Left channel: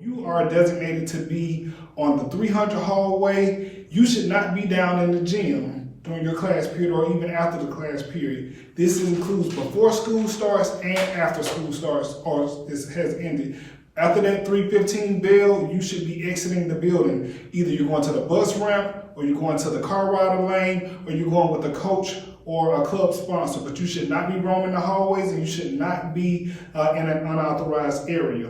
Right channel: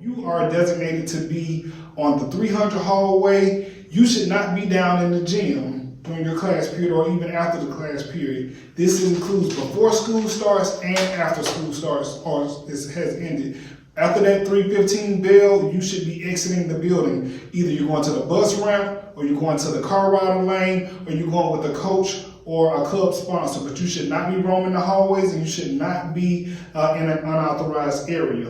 You are designated to be on the 300 hallway. You should not be down in the gym during your class period or even after the class period. This includes before school starts and after school starts or has ended. After that 3:15 bell, you should be exiting the building. Either you're going to the bus ramp, or you're going to the car rider lane, or you're going with a coach or a club sponsor. But you should not be roaming the hallways, and you should not be in an unauthorized area.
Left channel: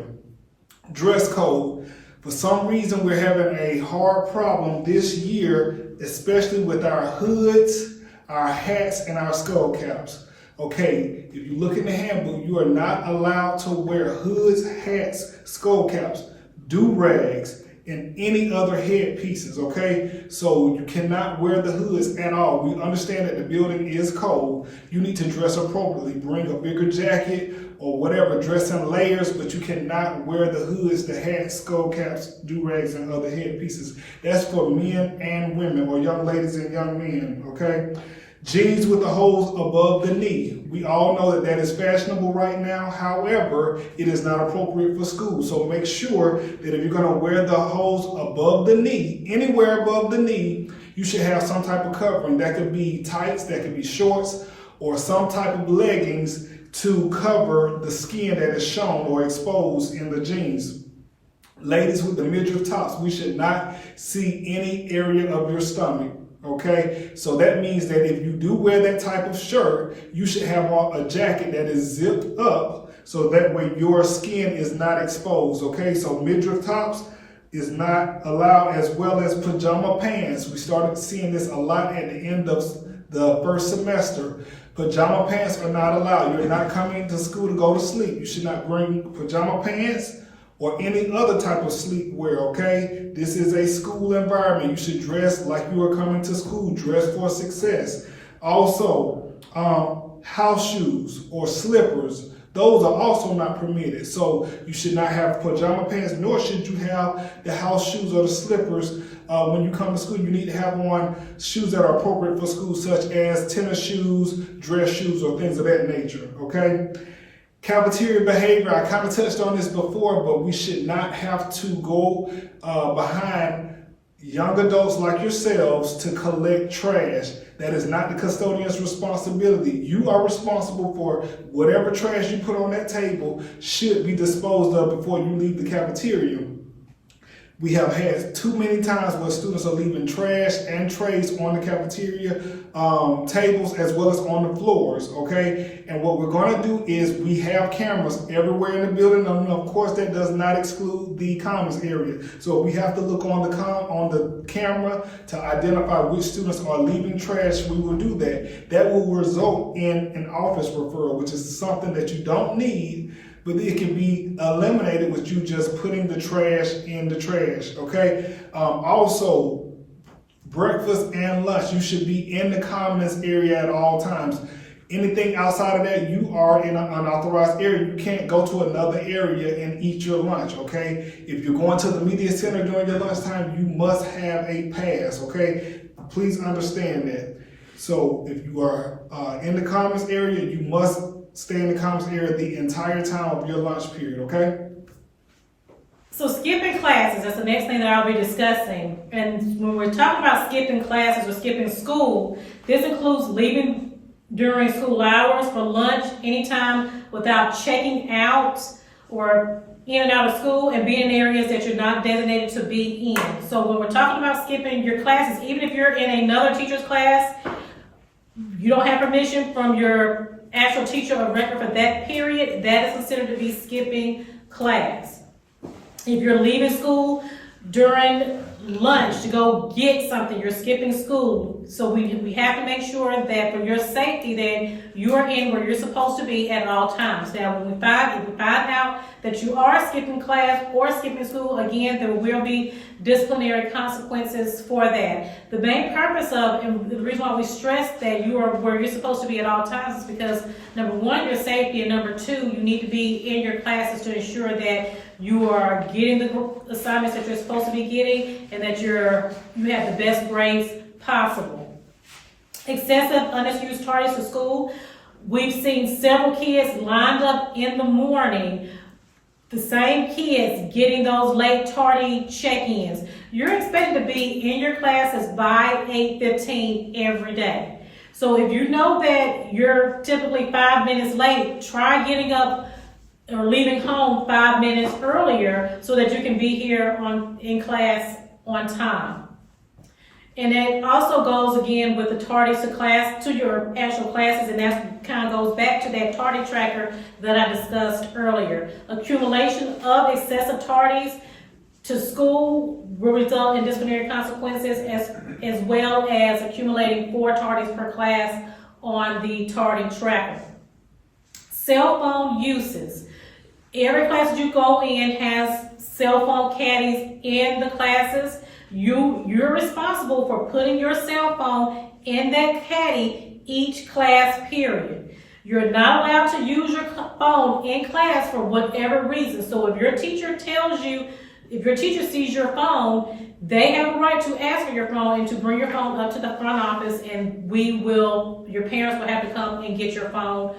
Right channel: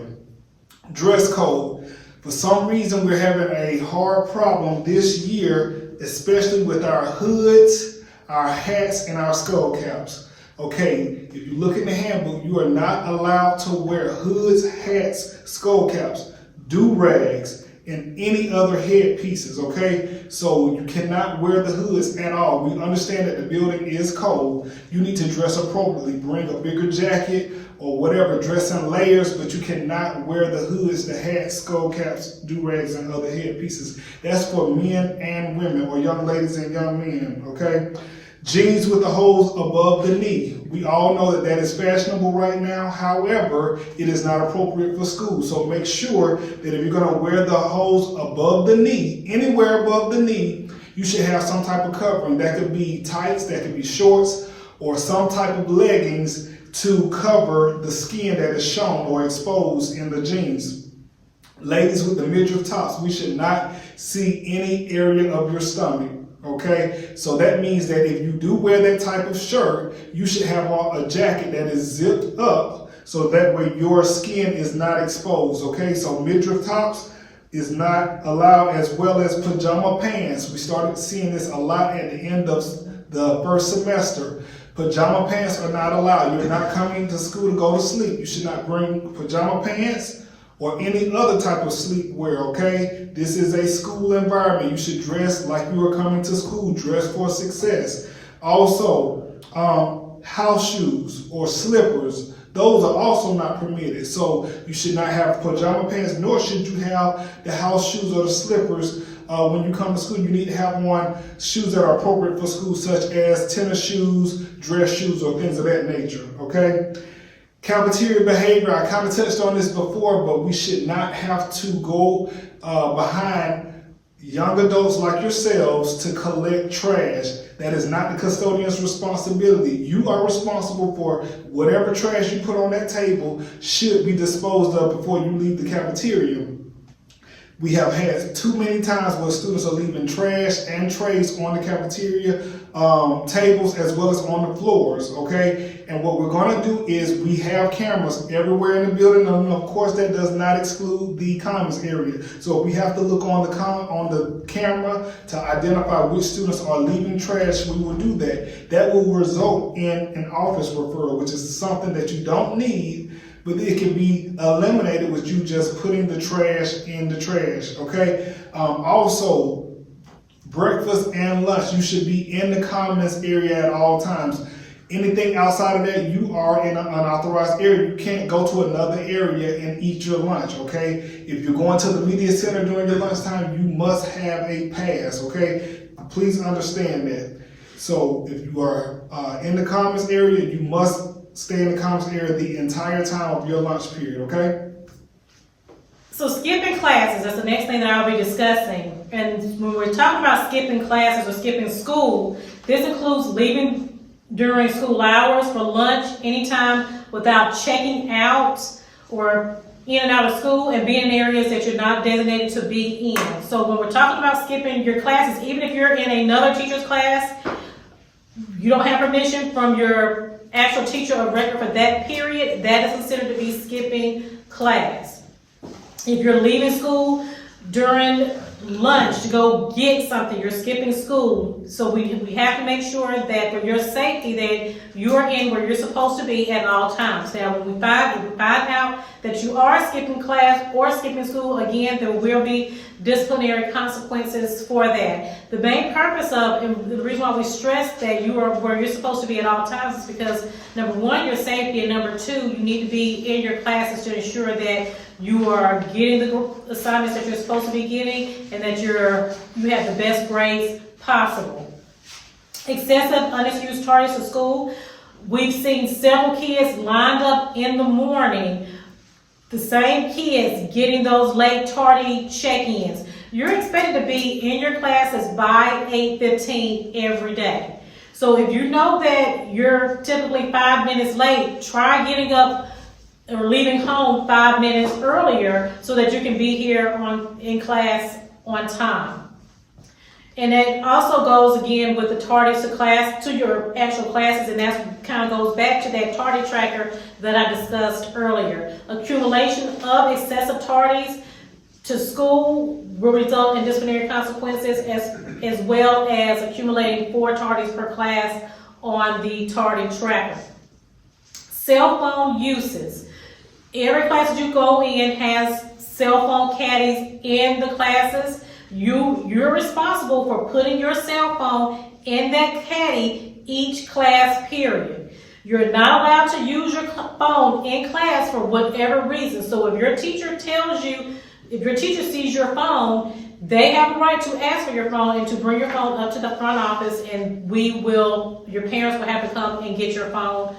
Dress code. For some reason, we're having a hard problem this year, especially with our hoods, our hats, and our skull caps. Okay, if you look in the handbook, you are not allowed to wear hoods, hats, skull caps, do-rags, and any other head pieces, okay? So you cannot wear the hoods at all. We understand that the building is cold. You need to dress appropriately. Bring a bigger jacket or whatever, dress in layers, but you cannot wear the hoods, the hats, skull caps, do-rags, and other head pieces. That's for men and women, or young ladies and young men, okay? Jeans with the holes above the knee. We all know that is fashionable right now. However, it is not appropriate for school. So make sure that if you're going to wear the holes above the knee, anywhere above the knee, you should have some type of covering. That could be tights, that could be shorts, or some type of leggings to cover the skin that is shown or exposed in the jeans. Ladies with the midriff tops, we should not see any area of your stomach. Okay, so that means that if you do wear that type of shirt, you should have on a jacket that is zipped up so that way your skin is not exposed. Okay, so midriff tops is not allowed, as well as pajama pants. We started seeing this a lot at the end of the first semester. Pajama pants are not allowed. You're not coming to school to go to sleep. You should not bring pajama pants or any other type of sleepwear, okay? This is a school environment. You should dress like you are coming to school. Dress for success. Also, house shoes or slippers, those are also not permitted. So you should not have pajama pants, nor should you have the house shoes or the slippers. When you come to school, you need to have on shoes that are appropriate for school, such as tennis shoes, dress shoes, or things of that nature, okay? Cafeteria behavior, I kind of touched on this before, but we should not have to go behind young adults like yourselves to collect trash. That is not the custodian's responsibility. You are responsible for whatever trash you put on that table should be disposed of before you leave the cafeteria. We have had too many times where students are leaving trash and trays on the cafeteria tables as well as on the floors, okay? And what we're going to do is we have cameras everywhere in the building, and of course that does not exclude the commons area. So we have to look on the camera to identify which students are leaving trash. We will do that. That will result in an office referral, which is something that you don't need, but it can be eliminated with you just putting the trash in the trash, okay? Also, breakfast and lunch, you should be in the commons area at all times. Anything outside of that, you are in an unauthorized area. You can't go to another area and eat your lunch, okay? If you're going to the media center during your lunchtime, you must have a pass, okay? Please understand that. So if you are in the commons area, you must stay in the commons area the entire time of your lunch period, okay? So skipping classes, that's the next thing that I'll be discussing. And when we're talking about skipping classes or skipping school, this includes leaving during school hours for lunch anytime without checking out or in and out of school and being in areas that you're not designated to be in. So when we're talking about skipping your classes, even if you're in another teacher's class, you don't have permission from your actual teacher of record for that period, that is considered to be skipping class. If you're leaving school during lunch to go get something, you're skipping school. So we have to make sure that for your safety that you're in where you're supposed to be at all times. Now, if we find out that you are skipping class or skipping school, again, there will be disciplinary consequences for that. The main purpose of, and the reason why we stress that you are where you're supposed to be at all times is because, number one, your safety, and number two, you need to be in your classes to ensure that you are getting the assignments that you're supposed to be getting and that you have the best grades possible. Excessive unexcused tardiness to school. We've seen several kids lined up in the morning the same kids getting those late tardy check-ins. You're expected to be in your classes by 8:15 every day. So if you know that you're typically 5 minutes late, try getting up or leaving home 5 minutes earlier so that you can be here in class on time. And it also goes again with the tardies to your actual classes, and that kind of goes back to that tardy tracker that I discussed earlier. Accumulation of excessive tardies to school will result in disciplinary consequences, as well as accumulating 4 tardies per class on the tardy tracker. Cell phone uses. Every class that you go in has cell phone caddies in the classes. You're responsible for putting your cell phone in that caddy each class period. You're not allowed to use your phone in class for whatever reason. So if your teacher sees your phone, they have a right to ask for your phone and to bring your phone up to the front office, and your parents will have to come and get your phone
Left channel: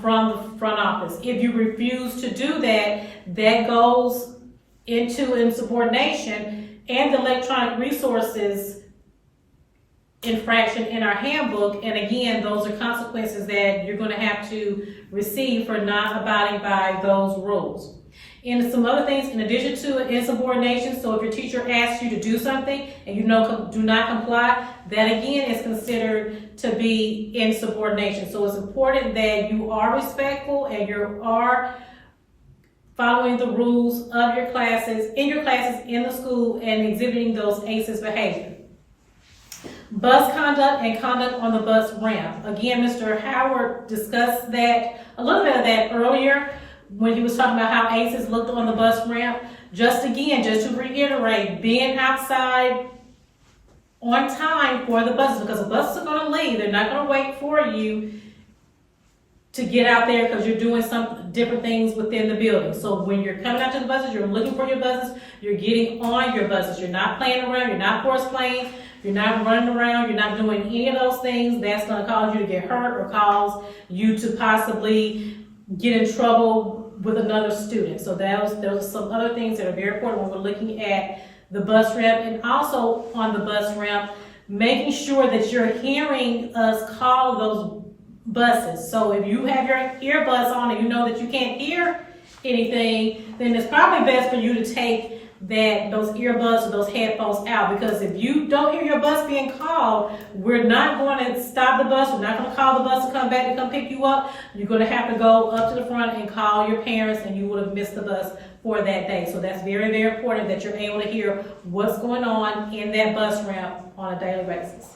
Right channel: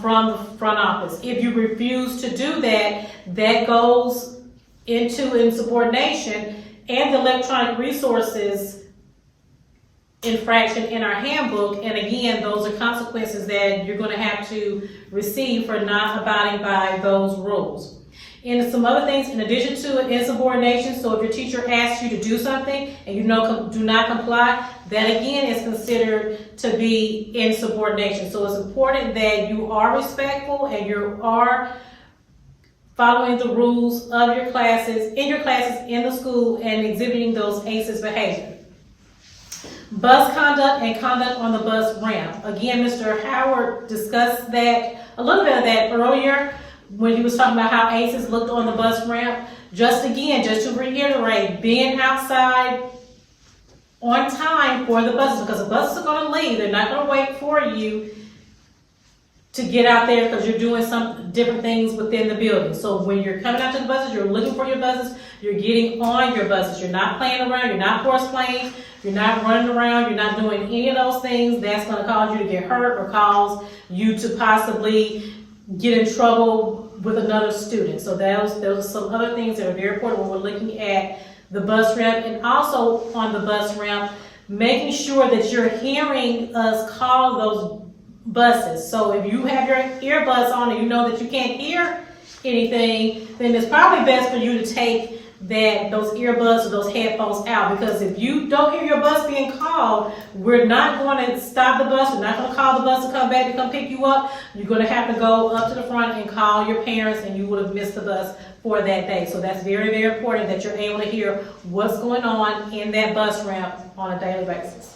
from the front office. If you refuse to do that, that goes into insubordination and the electronic resources infraction in our handbook. And again, those are consequences that you're going to have to receive for not abiding by those rules. And some other things in addition to insubordination. So if your teacher asks you to do something and you do not comply, that again is considered to be insubordination. So it's important that you are respectful and you are following the rules of your classes, in the school, and exhibiting those ACEs behavior. Bus conduct and conduct on the bus ramp. Again, Mr. Howard discussed a little bit of that earlier when he was talking about how ACEs looked on the bus ramp. Just to reiterate, being outside on time for the buses, because the buses are going to leave. They're not going to wait for you to get out there because you're doing some different things within the building. So when you're coming out to the buses, you're looking for your buses, you're getting on your buses. You're not playing around, you're not horse playing, you're not running around, you're not doing any of those things. That's going to cause you to get hurt or cause you to possibly get in trouble with another student. So those are some other things that are very important when we're looking at the bus ramp. And also on the bus ramp, making sure that you're hearing us call those buses. So if you have your earbuds on and you know that you can't hear anything, then it's probably best for you to take those earbuds or those headphones out, because if you don't hear your bus being called, we're not going to stop the bus. We're not going to call the bus to come back and come pick you up. You're going to have to go up to the front and call your parents, and you would have missed the bus for that day. So that's very, very important that you're able to hear what's going on in that bus ramp on a daily basis.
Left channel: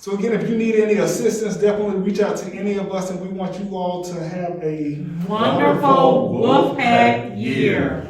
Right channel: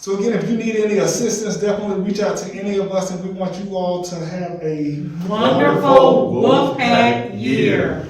So again, if you need any assistance, definitely reach out to any of us, and we want you all to have a wonderful Wolfpack year.